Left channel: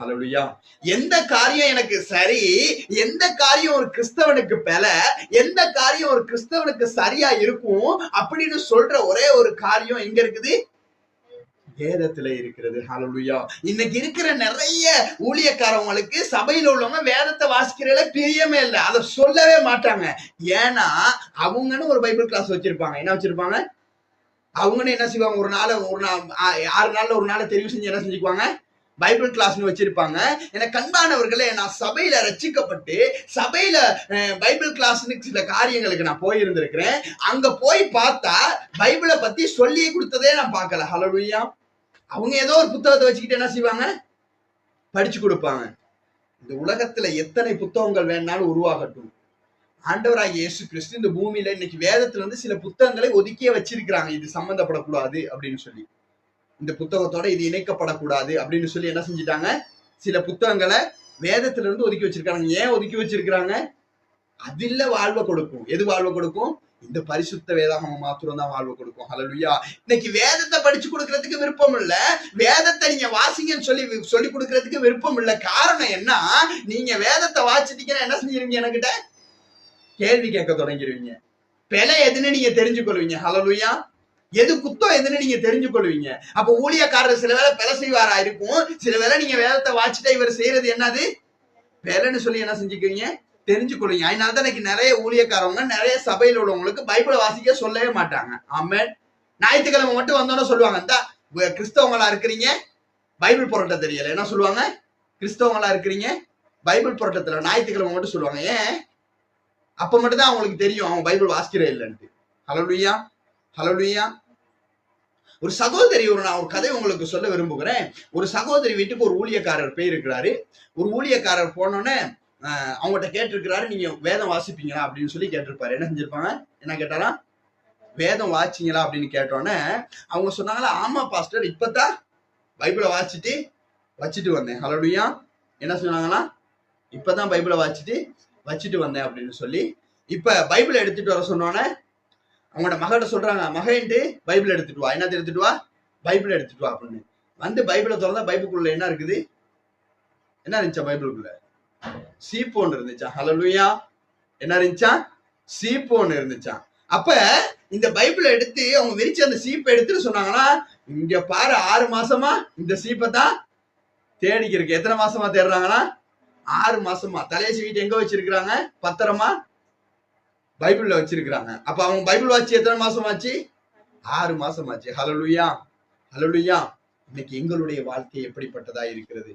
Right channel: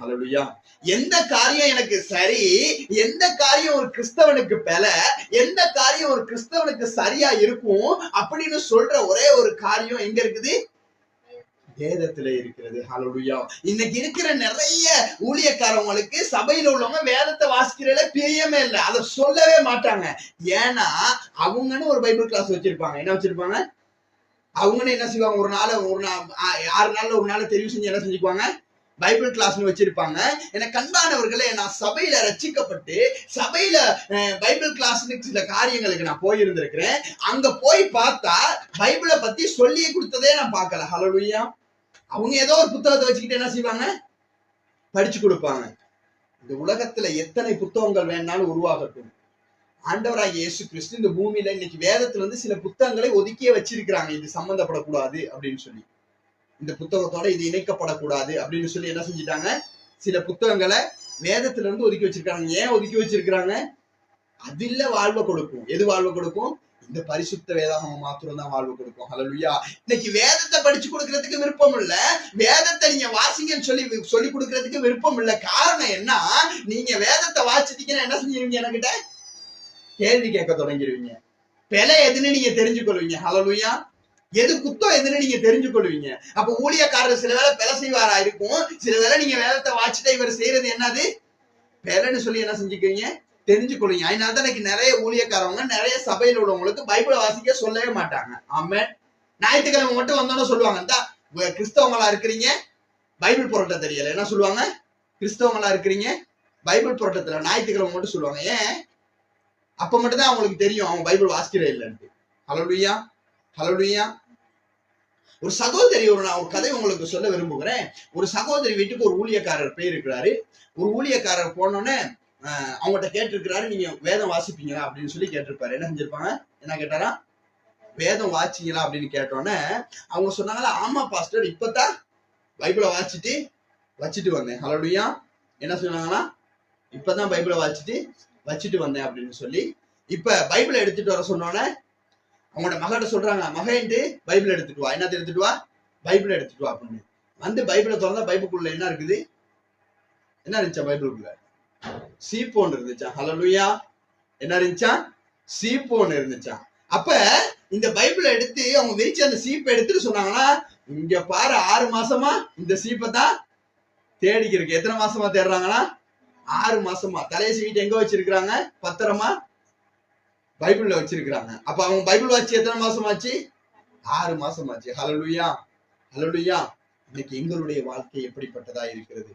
ஹல்லேலூயா. எந்த காரியம் எனக்கு சரி, எந்த காரியம் ஒரு கிறிஸ்தவனுக்கு எந்த காரியம் ஒரு கிறிஸ்தவனுக்கு சரியா இருக்கும் அப்படின்னு சொல்ற ஒரே ஒரு காரியம் எங்க இருக்குது? வேதத்துல இருக்கிறது. ஹல்லேலூயா. இன்னைக்கு இருக்கிற நிறைய ஊழியக்காரவங்களுக்கு சபையில உள்ளவங்க வேதத்தை வாசிக்கிறதுல பிரியமே இல்லை, அதை சொல்லவே மாட்டாங்க. ஏன்னா அவங்கன்னு ஒரு பைபிள் கிளாஸ் வச்சிருப்பாங்க. என்ன வச்சிருப்பாங்க? அவங்கன்னு என்ன செய்வாங்க? ஒரு நாள் 6 நாள்ல ஒரு நாள் தெரிவு செஞ்சு என்ன செஞ்சுக்குவாங்க? பைபிள் கிளாஸ்னு வச்சிருப்பாங்க. எனக்கு அன்பானவர்களே, நான் சபையில ரட்சிக்கப்பட்டு சபையில பைபிள் கிளாஸ்னு சில காரியங்களுக்கு நான் போயிருந்திருக்கிறேன். அங்க போய் பார்த்தா பைபிளை பத்தி சொல்லி கொடுத்ததே நான் பார்க்கல. ஹல்லேலூயா. அவங்க ஏதோ ஒரு புத்தகத்தை வச்சுக்கிட்டு என்ன செய்வாங்க? படிச்சு கொடுப்பாங்க. இந்த உலகத்துல எத்தனை புத்தகங்கள் வேணாலும் உருவாகட்டும், ஆண்டவராகிய இயேசு கிறிஸ்து இந்த பூமியில இன்னைக்கு வேதத்துல சில புத்தகங்களை ஒதுக்கியே வச்சிருக்கிறாங்க. இது சம்பந்தப்படக்கூடாது அப்படின்னு சொல்லி, இந்த புத்தகத்தோட இது இணைக்கப்படக்கூடாது அப்படின்னு சொல்லி என்ன செஞ்சிட்டாங்க? சில புத்தகங்களை வேதத்துல இருந்து ஒதுக்கி வச்சிருக்காங்க. ஏன் ஒதுக்கி வச்சிருக்கிறாங்க? அதில்ல வாழ்வை கொடுக்கும். எது வாழ்வை கொடுக்கும்? இந்த பரிசுத்த வேதாகமம் மாத்திரம் தான் வாழ்வு கொடுக்கும். ஹல்லேலூயா. இன்னைக்கு வேதத்தை படிச்சு கொடுக்கறதுக்கு விருப்பம் இல்ல, வேதத்தை நீங்க வாசிங்கன்னு சொல்லி கொடுக்கறதுக்கு விருப்பம் இல்ல. காரணம் என்ன? நீங்க வேதத்தை வாசிட்டீங்கன்னா என்ன செஞ்சிருவீங்க? என்கிட்ட கேள்வி கேட்க தொடங்கிடுவீங்க. பிழை எதுன்னு நீங்க தெரிஞ்சு கொள்வீங்க. ஹல்லேலூயா. எது குத்தம் எதுன்னு நீங்க தெரிஞ்சு கொள்வீங்க. அப்ப ஊழியக்காரர் சில வேளை பிழை செய்வாரா இருக்கும், சில வேளை நீங்க வேதத்தை வாசிட்டா இவர் செய்யறது என்னது பிழைன்னு சொல்லி என்ன செஞ்சுக்கிறீங்க? தெரிஞ்சு கொள்வீங்க. அதனாலதான் இன்னைக்கு நிறைய ஊழியக்காரவங்க நிறைய சபையில் உள்ளவங்களுக்கு பைபிளை வாசிக்க சொல்லவே மாட்டாங்க. ஆமென். ஞாயிற்றுக்கிழமை மட்டும் வந்தோன்னு சொல்லுவாங்க, இந்த கிறிஸ்தவங்களா இருக்கிறீங்க பைபிள் புரட்ட தெரியல. என்ன சொல்லுவாங்க? கிறிஸ்தவங்களா இருக்கிறீங்க பைபிள் புரட்டத்துல ஞாயிற்றுக்கிழமை மட்டும் சொல்லுவாங்க. ஏன்? அப்ப மட்டும் தான் அவங்களுக்கு தெரியும் அவங்க பைபிள் வாசிக்கிறே இல்லைன்ட்டு. ஹல்லேலூயா. ஹல்லேலூயா. ஒரு சகோதரி, நான் ஒரு கதை உங்களுக்கு சொல்ல விரும்புகிறேன். ஒரு சகோதரி வீட்டுக்கு ஒரு ஊழியக்காரர் போயிருக்கிறாரு. ஒரு ஊழியக்காரர் போனோன்னே அவங்ககிட்ட கேட்டிருக்கிறாரு, நீங்க வேதம் வாசிப்பீங்களா அப்படின்னு சொல்லி கேட்டிருப்பாரு. என்ன செஞ்சிருப்பாங்க? என்ன கேட்டாரா? வேதம் வாசிங்களா அப்படின்னு கேட்டோன்னே அவங்க சொன்னாங்களா, ஆமா பாஸ்டர், இப்பதான் பைபிளை வச்சுட்டு வந்தேன். ஹல்லேலூயா. என்ன சொன்னாங்களா? இப்பதான் பைபிளை வச்சுட்டு வந்தேன் அப்படின்னு சொல்லி, இப்ப பைபிளை எடுத்துட்டு வர சொன்னோன்னே அவங்களோட மகிட்ட சொல்றாங்க, மகன்ட்டு பைபிள் எடுத்துட்டு வா. என்னத்தை எடுத்துட்டு வா? பைபிள் எடுத்துட்டு வா அப்படின்னு. வந்து பைபிளை திறந்தா பைபிளுக்குள்ள என்ன இருக்குது? என்ன இருந்துச்சா? பைபிளுக்குள்ள சீப்போன் இருந்துச்சா? ஹல்லேலூயா. என்ன இருந்துச்சா? சீப்போன் இருந்துச்சா? அப்ப இந்த பைபிளை எடுத்து அவங்க விரிச்சு அந்த சீப்பை எடுத்துட்டு சொன்னாங்கன்னா, இங்க பாரு, 6 மாசமா இந்த சீப்பை தான் தேடிக்கிறதுக்கு. எத்தனை மாசமா தேடுறாங்கன்னா? 6 மாசமா. தலையை சீட்டு எங்க வச்சிருக்கிறாங்க? பத்திரமா பைபிள்ல வச்சிருக்கிறாங்க. அப்ப அவங்க பைபிள் வாசி எத்தனை மாசமாச்சு? 6 மாசமாச்சு. ஹல்லேலூயா. ஹல்லேலூயா. இன்னைக்கு எங்களுடைய வாழ்க்கை எப்படிப்பட்டதா இருக்கிறது?